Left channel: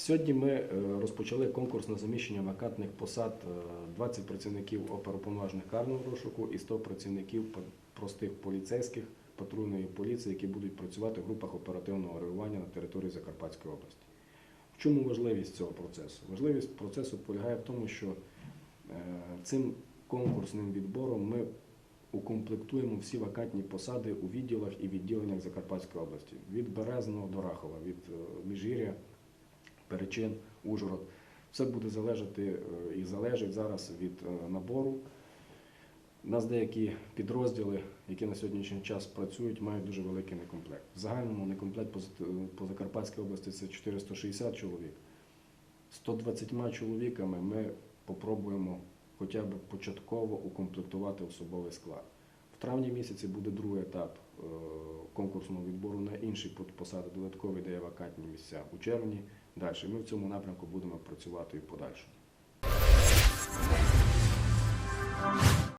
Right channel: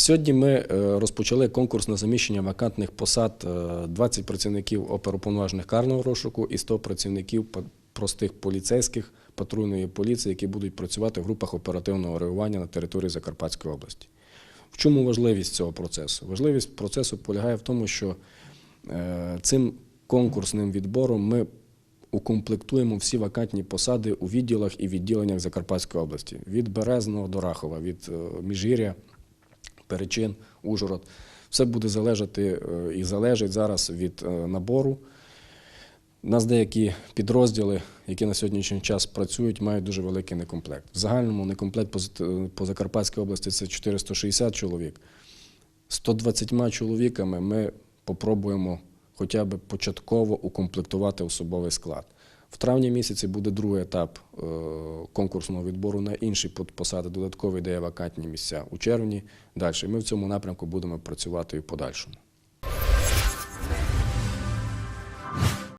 Сьогодні ми е, розпочали конкурс на заміщення вакантних посад е, 20 працівників оперуповноважених карного розшуку і 100 працівників простих поліцейських патрульної поліції, які будуть працювати в групах оперативного реагування на території Закарпатської області. В чому важливість цього процесу? Важливість процесу полягає в тому, що е, цим конкурсним відбором ми укомплектуємо всі вакантні посади у відділах і відділеннях Закарпатської області від Березного до Рахова, від е, Міжгір'я, Перечин, Ужгород. Все буде залежати е, і залежить зараз від е, набору. У нас деякі підрозділи, які на сьогоднішній час працюють, мають дуже великий некомплект. В загальному некомплект по, по Закарпатській області це 460 чоловік. 120 чоловіками ми попробуємо хоча б початково укомплектувати особовий склад. В травні місяці буде другий етап е, конкурсного відбору на інші посади, додаткові де є вакантні місця. У червні далі. Ми в цьому напрямку будемо працювати і в подальшому.